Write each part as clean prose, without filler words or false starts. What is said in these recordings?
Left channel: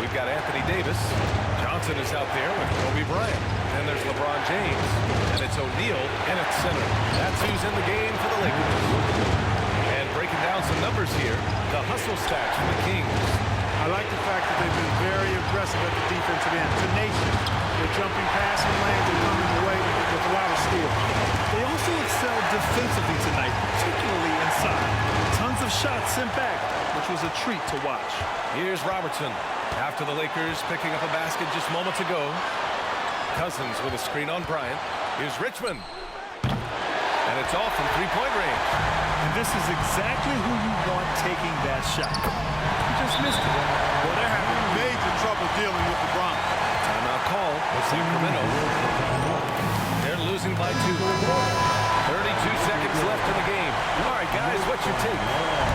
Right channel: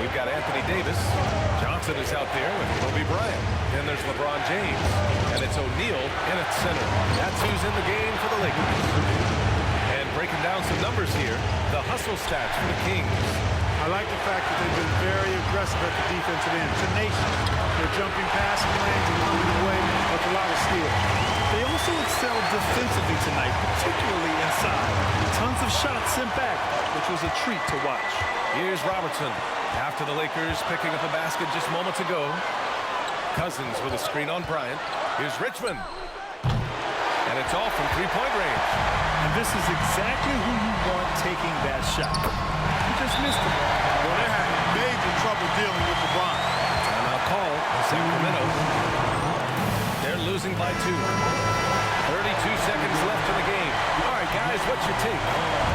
We've got Anthony Davis. Johnson is out there with Kobe Bryant. Then there's LeBron James. And it's O'Neal in at center. That's who's in the game for the Lakers. And breaking down some numbers here, the hustle stats for the Kings. I like the fact that they've been very aggressive at the defensive end. Tenacious. They're jumping passing lanes and coming away with a lot of steals. They also excelled defensively tonight, particularly inside. Tons of shots sent back, which was a treat to watch. Here's Robertson. After the Lakers picking up a basket just moments ago. Cousins with a screen on Bryant. Here's Richmond. And it's all from three-point range. And this is exactly who you want taking that shot. He just missed it. Well, they're having major trouble dealing with LeBron. Timeout call, Sacramento. They're losing by 2. 32 seconds left in the game. All right, guys, what's your take?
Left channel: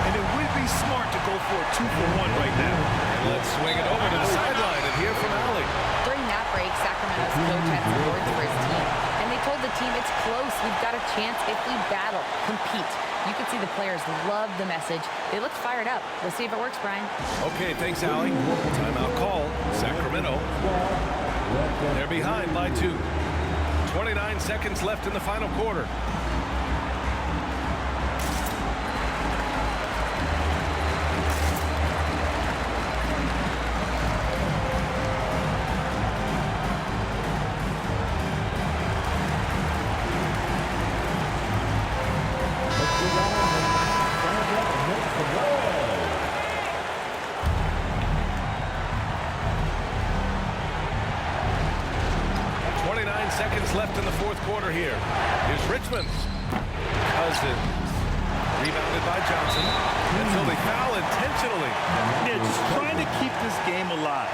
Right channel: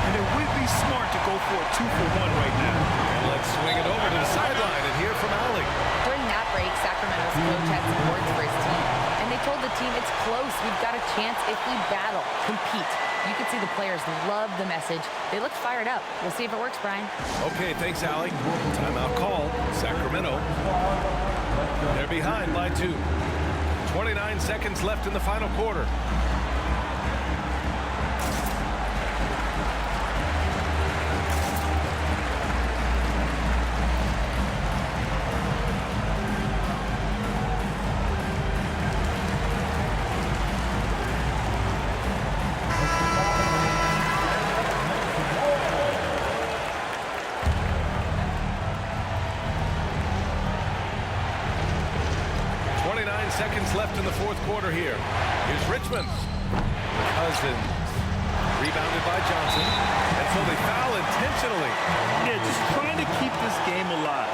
And it would be smart to go for a 2-for-1 right now. And let's swing it over to the sideline and hear from Allie. During that break, Sacramento's coach had some words for his team. And they told the team, it's close. We've got a chance if we battle, compete. You could see the players love the message. They looked fired up. We'll see if it works, Brian. Okay, thanks, Allie. Timeout call, Sacramento. They're behind by 2. 29 seconds left in the final quarter. Seconds left in the fourth quarter here. Here's Richmond. Cousins. Rebounded by Johnson. And so they foul intentionally. Yeah, just trying to keep this game alive.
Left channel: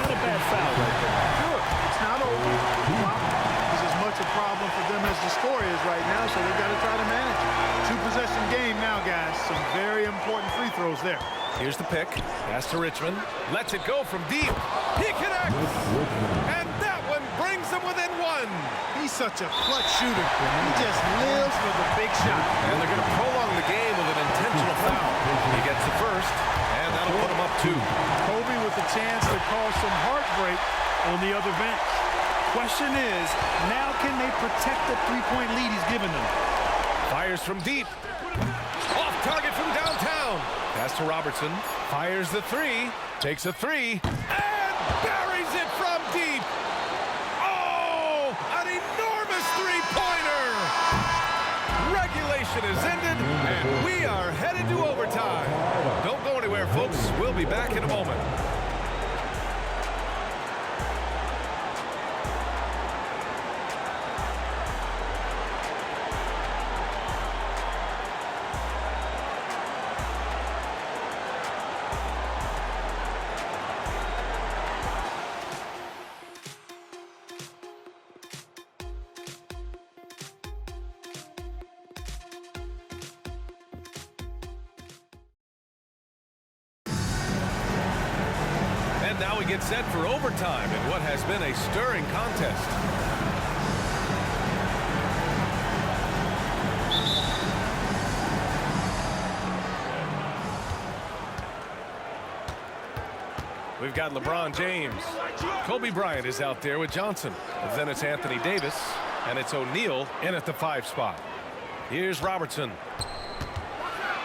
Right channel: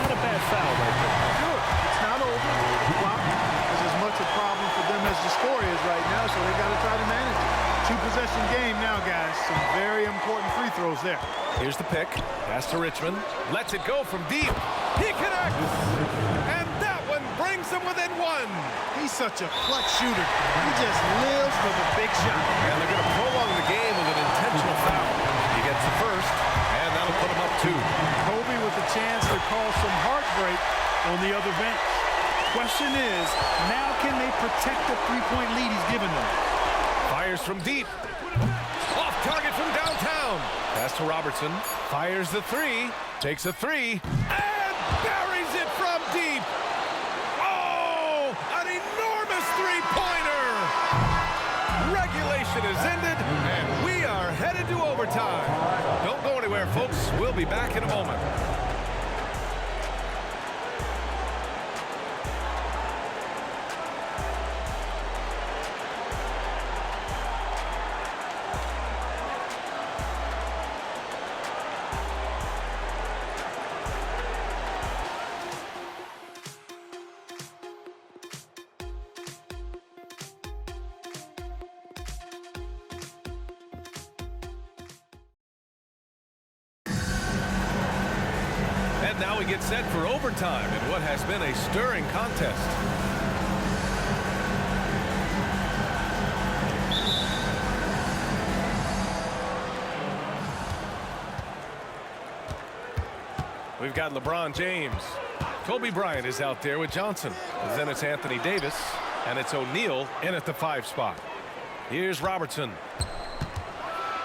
Not a bad foul right there. Sure, it's not over. The clock is as much a problem for them as the score is right now, so they've got to try to manage it. 2-possession game now, guys. Some very important free throws there. Here's the pick. Pass to Richmond. Lets it go from deep. He connects. And that one brings them within 1. He's such a clutch shooter. He just lives for the big shot. And they're going to prolong the game with an intentional foul. He gets the first, and that'll put him up 2. Kobe with a chance to cause some heartbreak on the other bench. Question is, now can they protect the three-point lead he's given them? Fires from deep. Off target from downtown. Pass to Robertson. Fires the 3. Takes a 3. And buries it from deep. Oh, an enormous three-pointer. Regulation is ended, and we are headed to overtime. Don't go anywhere, folks. We'll be back in a moment. And now we get set for overtime in what has been a stirring contest. We've got LeBron James. Kobe Bryant is out there with Johnson. But then it's Anthony Davis, and it's O'Neal in at the 5 spot. Here's Robertson.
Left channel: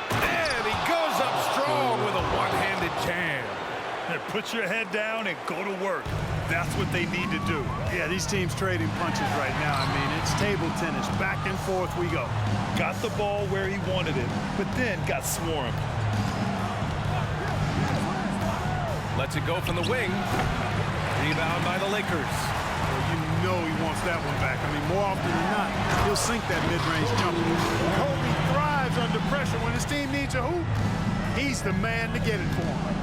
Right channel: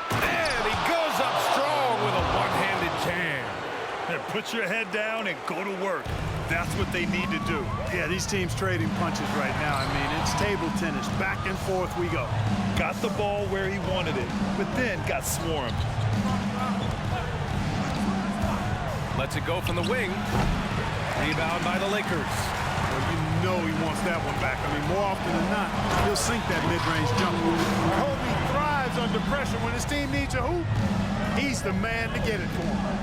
And he goes up strong with a one-handed jam. Put your head down and go to work. That's what they need to do. Yeah, these teams trading punches right now. I mean, it's table tennis. Back and forth we go. Got the ball where he wanted it, but then got swarmed. Lets it go from the wing. Rebound by the Lakers. Well, you know he wants that one back. I mean, more often than not, he'll sink that mid-range jumper. Kobe thrives under pressure when his team needs a hoop. He's the man to get it for him.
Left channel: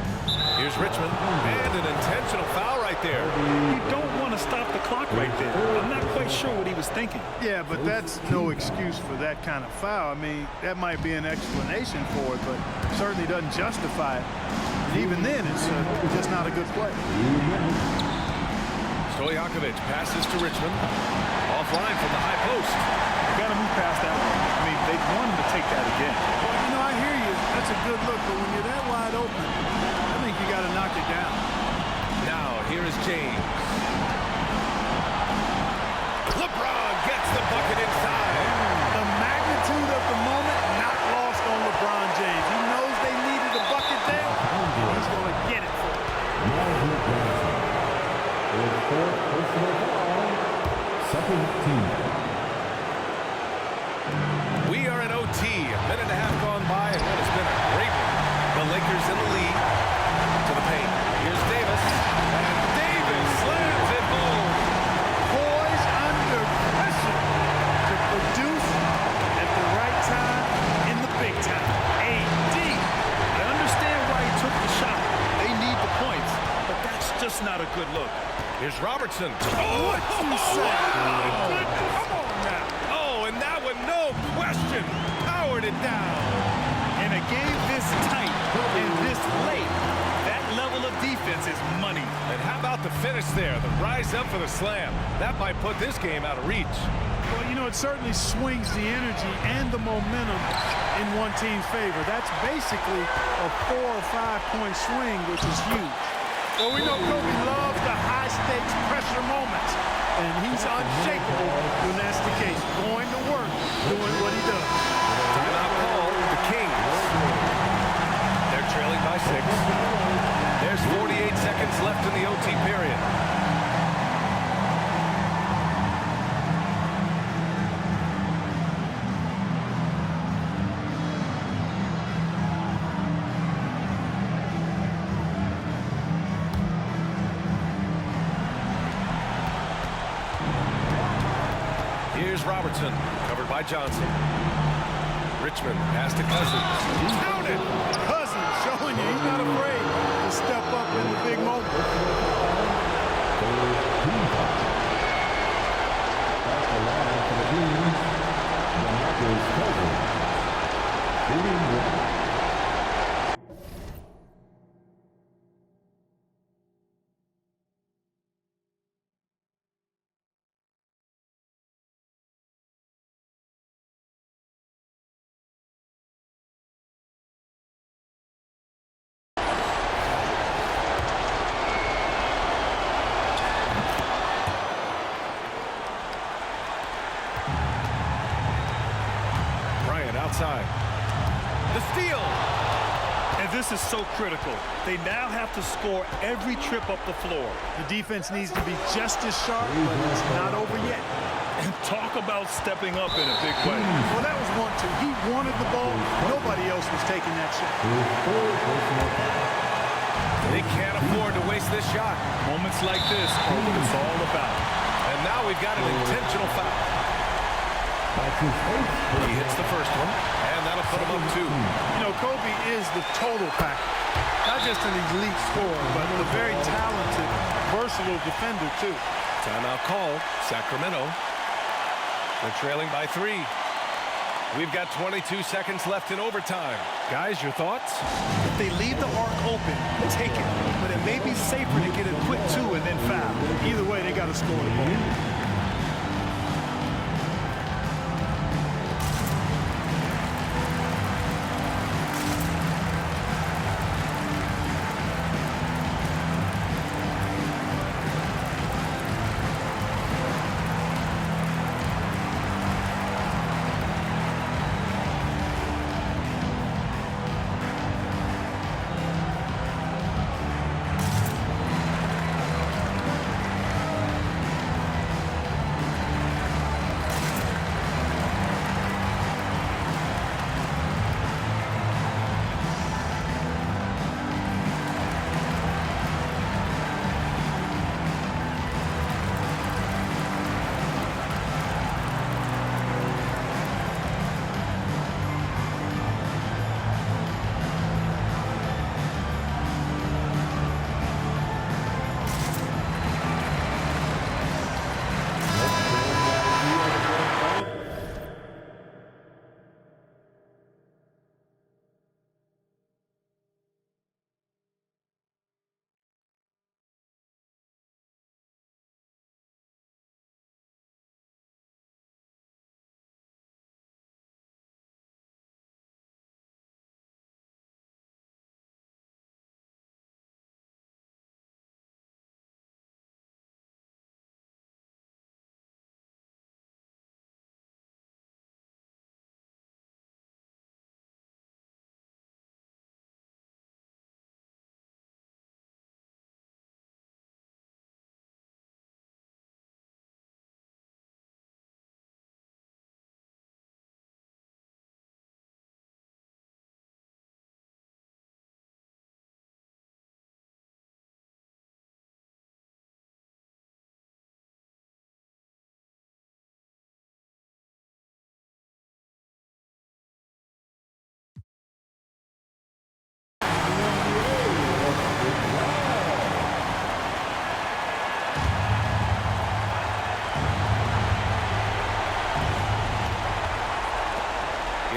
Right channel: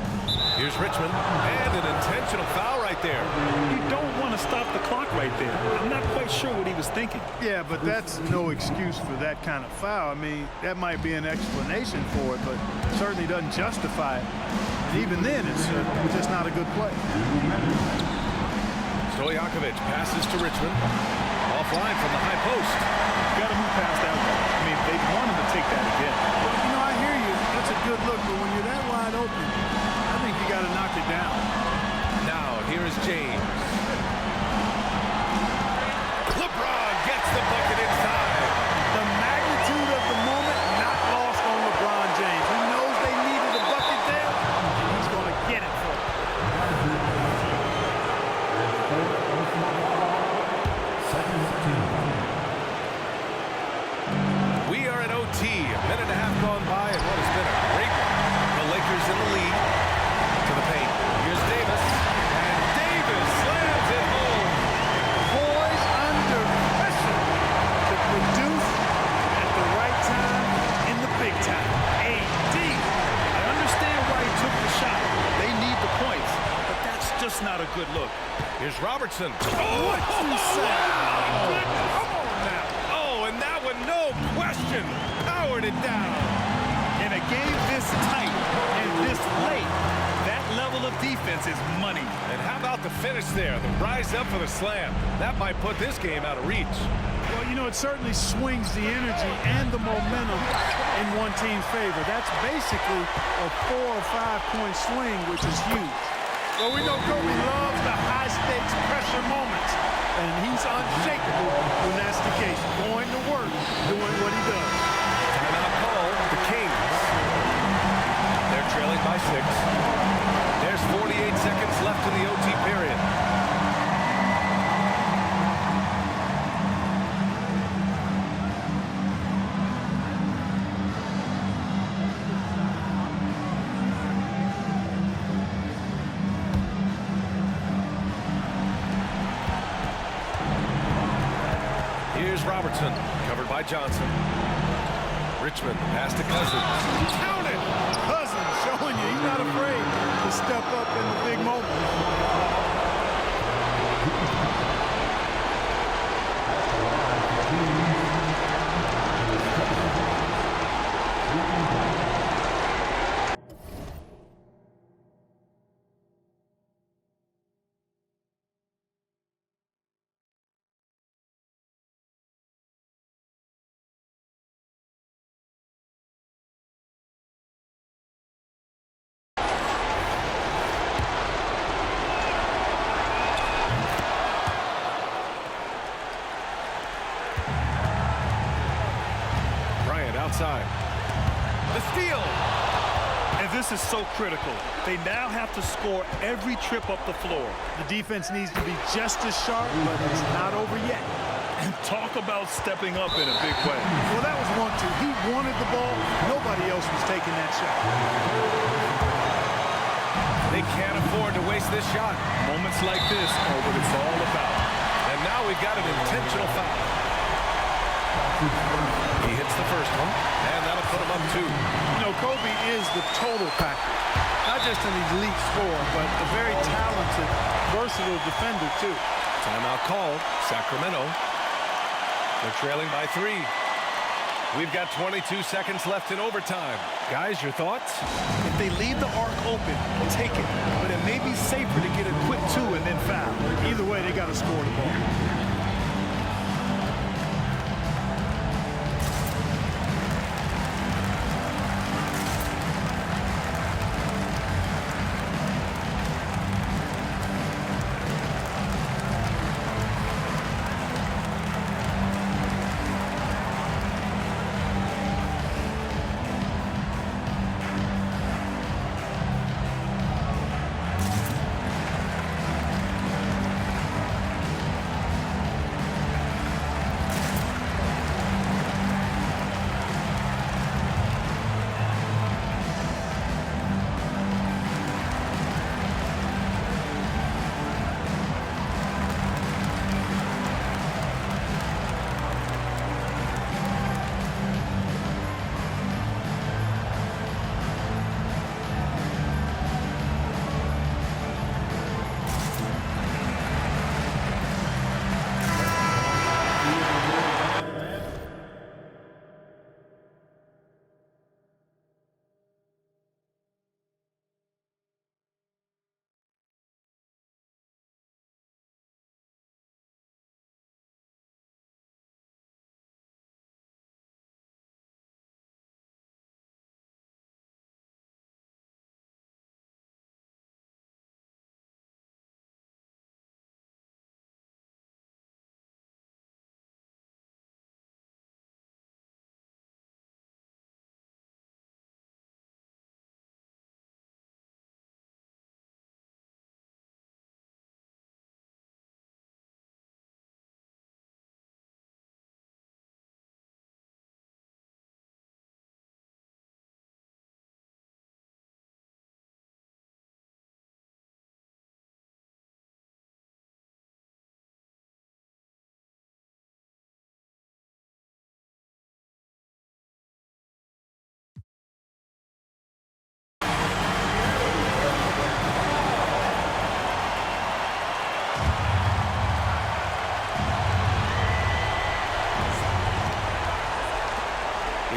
Here's Richmond, and an intentional foul right there. You don't want to stop the clock right there. I'm not quite sure what he was thinking. Yeah, but that's no excuse for that kind of foul. I mean, that might be an explanation for it, but certainly doesn't justify it. And even then, it's just not a good play. Stojakovic passes to Richmond. Offline from the high post. Got to move past that one. I mean, they want him to take that again. Well, you know, I hear you. That's a good look, but when you're that wide open, I think you got to knock it down. Now, here is James. LeBron gets the bucket inside. The magnitude of the moment not lost on LeBron James. He knows they needed a bucket there, and he's going to get it for them. Second team. We are in OT. A minute and a half gone by, and what has been a great one. The Lakers in the lead. To the paint. Here's Davis. And Davis slams it home. Poised under pressure to produce at the right time in the big time. AD. I understand why he took the shot. They need the points, but that's just not a good look. Here's Robertson. What you say? Wow. My goodness. Come on now. Oh, and that one, no question, powered it down. In a game this tight and this late, that level of defense is money. And how about the finish there? The rise up for the slam. That might put this game out of reach. Well, you know, it certainly swings the energy and the momentum in one team's favor. That's basically a 4 or 5 point swing, which is huge. Well, we know Kobe loves the high-stakes pressure moments, and he's unshakable when that's the case. Going to work, doing what he does. Timeout call, the Kings. They're trailing by 6. There's 48 seconds left in the OT period. Here's Robertson, covered by Johnson. Richmond, pass to Cousins. Count it! Cousins showing you he's not afraid to step up in the big moment. Bryant outside. The steal. And this is so critical. They now have to score every trip up the floor. The defense needs to be just as sharp, but it's not over yet. And talk about stepping up in a big way. Well, that was 1-2. He wanted the ball. Nobody else was taking that shot. They can't afford to waste this shot. Moments like this are what it's all about. And now we've got an intentional foul. He hits the first one, and that'll put him up 2. You know, Kobe is the total package. Not just an elite scorer, but a very talented, versatile defender, too. Timeout call, Sacramento. They're trailing by 3. We've got 22 seconds left in overtime. Guys, your thoughts? If they leave the arc open, take it. But it may be safer to get a quick 2 and then foul. Either way, they got to score the ball.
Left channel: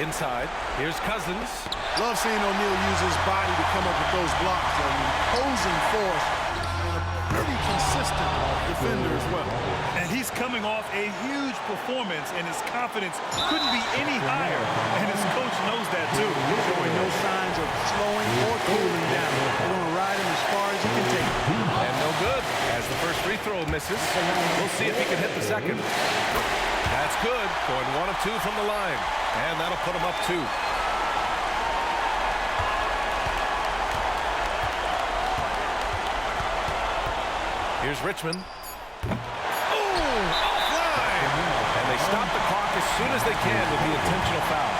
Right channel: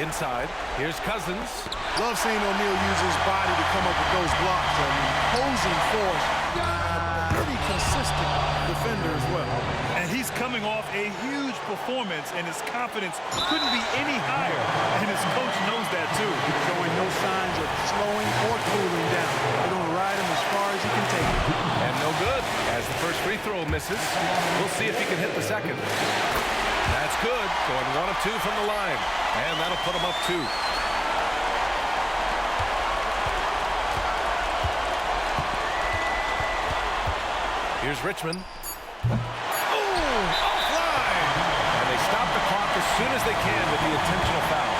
Inside, here's Cousins. Love seeing O'Neal use his body to come up with those blocks. An imposing force and a pretty consistent defender as well. And he's coming off a huge performance, and his confidence couldn't be any higher. And his coach knows that, too. Showing no signs of slowing or cooling down. They're going to ride him as far as he can take him. And no good, as the first free throw misses. We'll see if he can hit the second. That's good, going 1 of 2 from the line. And that'll put him up 2. Here's Richmond. Offline! And they stop the clock as soon as they can with the intentional foul.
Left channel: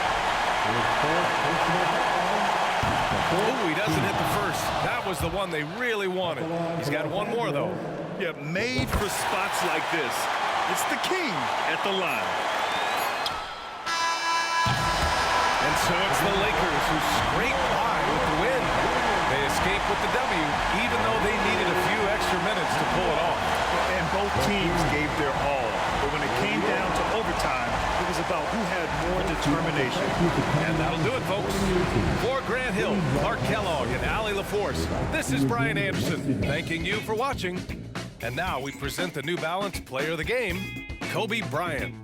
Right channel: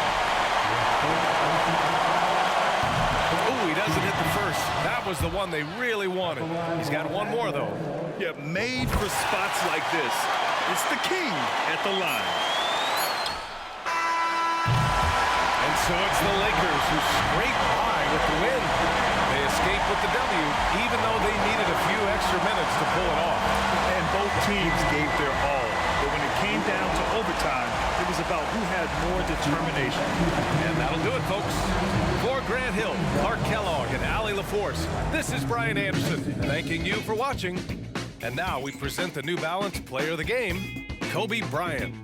Oh, he doesn't hit the first. That was the one they really wanted. He's got one more, though. Yeah, made for spots like this. It's the king at the line. And so it's the Lakers who scrape by with the win. They escape with the W, even though they needed a few extra minutes to pull it off. And both teams gave their all. But when it came down to overtime, it was about who had more determination. And that'll do it, folks. For Grant Hill, Clark Kellogg, and Allie LaForce, this is Bryant Anderson, thanking you for watching. And now we present the New Balance Player of the Game, Kobe Bryant.